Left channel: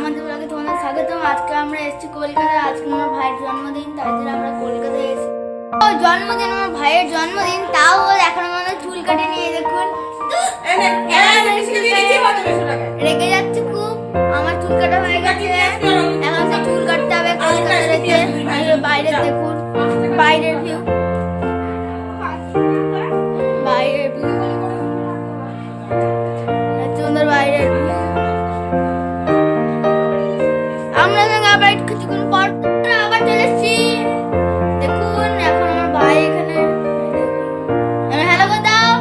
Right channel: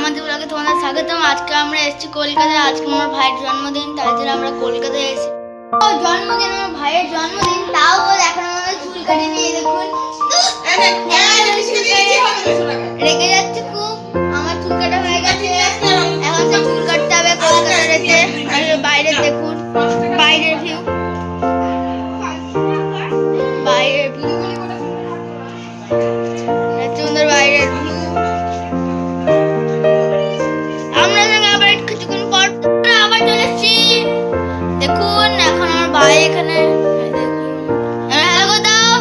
আমাদের ব্লগে তোমাদের স্বাগতম। আজকে আমরা এসেছি কলকাতায়। আজকে আমার ভাইয়ের জন্মদিন, তাই জন্য আমরা কলকাতায় এসেছি। জন্মদিন, আমার ভাইয়ের জন্মদিন, তাও এখন আমাদের চুল কাটে নিয়ে দেখুন রেগে যাচ্ছে খুব। আমার চুল কাটা হয়ে গেছে, এখন সে চুল কাটতে হবে কলকাতা রেখে। বাইরে দেখুন, বাইরের ভিউ, বাইরের ভিউ সুন্দর, বাইরের ভিউ। আমরা আবার কিছুক্ষণ পর আবার চলে এসেছি। দেখুন এখন আমার ভাই এখানে, হ্যালো করে দাও।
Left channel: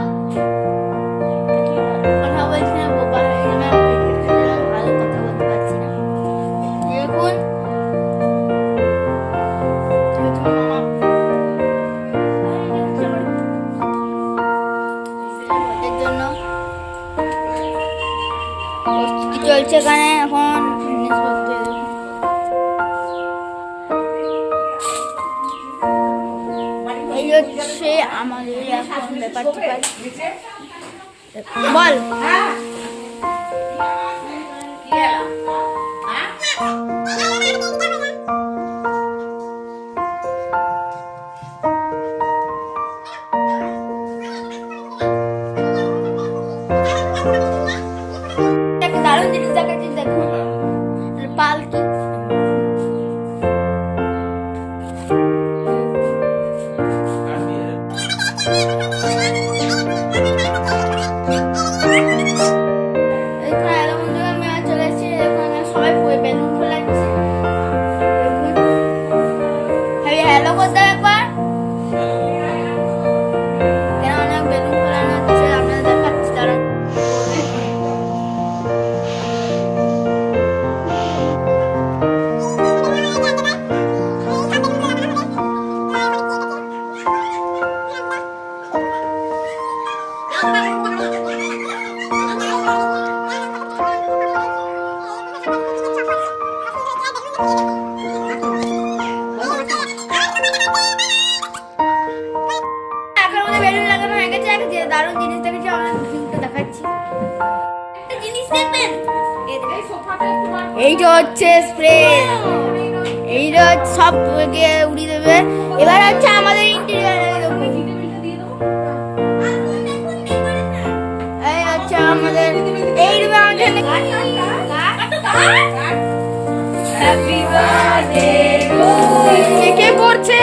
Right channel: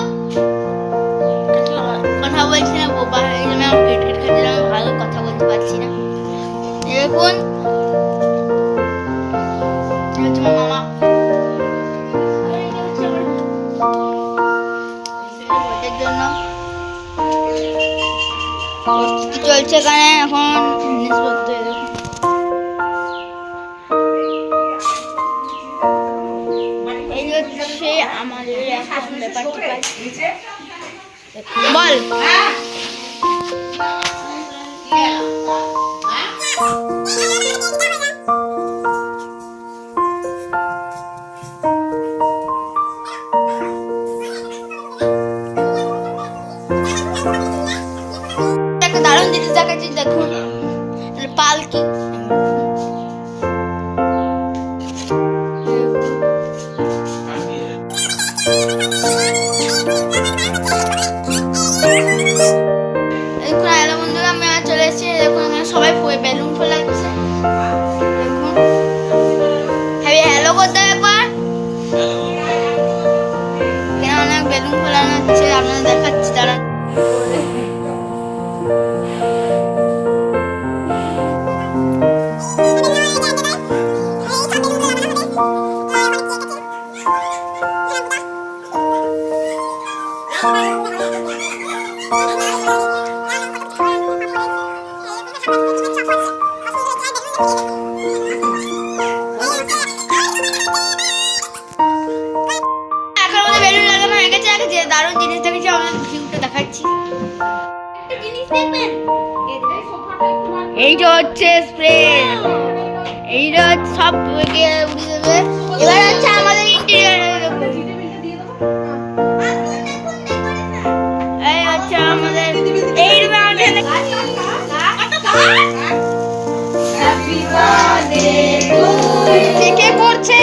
কথা বলছি না, বোবা হয়ে গেলাম, ক্রিকেট খেলছিলাম, ভালো কথা বলতে পারছি না। দেখুন জন্য প্রস্তুতি চলছে এখানে এখন। এই হচ্ছে আমাদের এখন ব্যাপারটি বল। একটা দারুণ জিনিস দেখাচ্ছি, দেখুন পালকি। চলে এসেছি, দেখুন আমরা সবাই বেলুন ফোলাচ্ছি। দেখুন হ্যালো করতে একবার, কেন অনেক বেলুন ফোলানো হচ্ছে, আপনারা দেখাচ্ছি তারা। দারুণ জিনিস দেখেছি, আমরা ভিউটা দেখাচ্ছি। এইটা হচ্ছে স্প্রে, এইটা সব উড়িয়ে দেবে। এবার হচ্ছে আমাদের ইন্টেরিয়ার, এই হচ্ছে আমাদের এই রুমে আমাদের হ্যাপি বার্থডে টু ইউ। কে পড়ছে?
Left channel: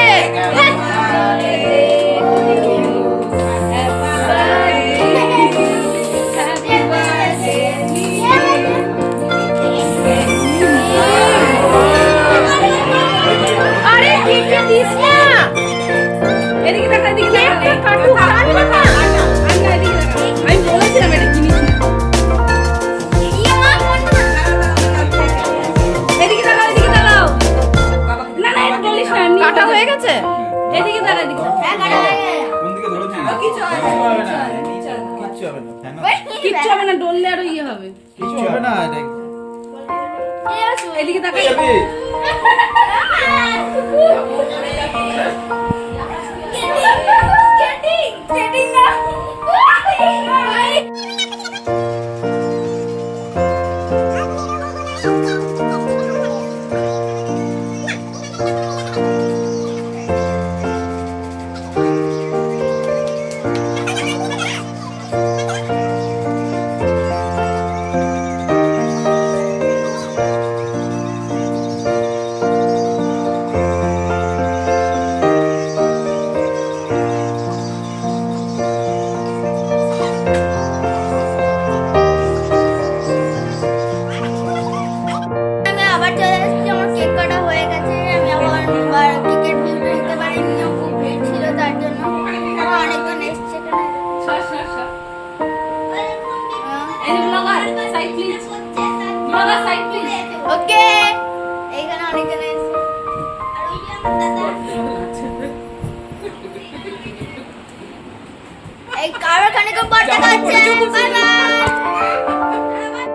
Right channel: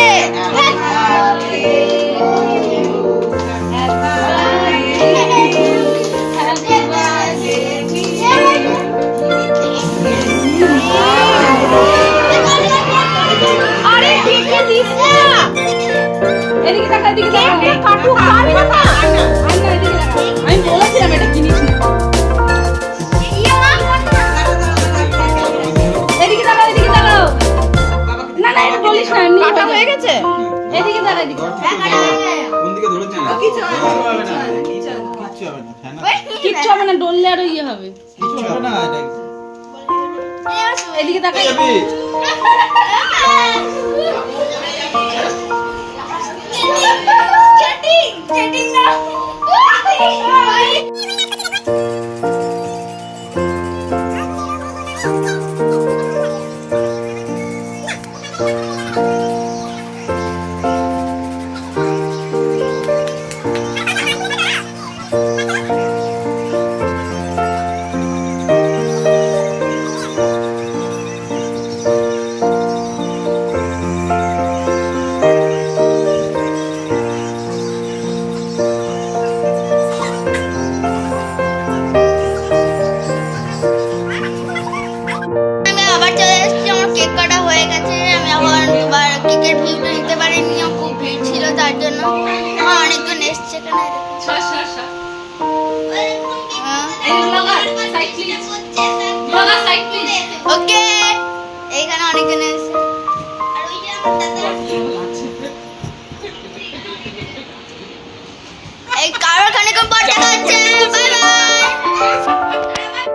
এদিকে দেখা, এদিকে দেখা, কাটু খাবি না না, আর না এদিকে দেখা। আমি বলেছিলাম এটা কিনিস না। এদিকে দেখা, এদিকে দেখাও। না না এটা বলিস না, এমনি কাটা হয়ে গেছে। এদিকে দেখা, এদিকে কোন দিকে ধরেছিস? কিছু হবে না, কিচ্ছু হবে না, ডললে আরো ইয়ে হবে। কিছু হবে না। এদিকে দেখা। কেক কাটা হয়ে গেছে, আমি আবার দুবার কেকের ভিউটা নিতে পারিনি, খুব ভিড় ছিল তার জন্য। অনেকজন এসছে এখানে। ওকে, এইখানে অনেকজন এসছে। এই কারোর খানিকক্ষণ পর দেখা হচ্ছে।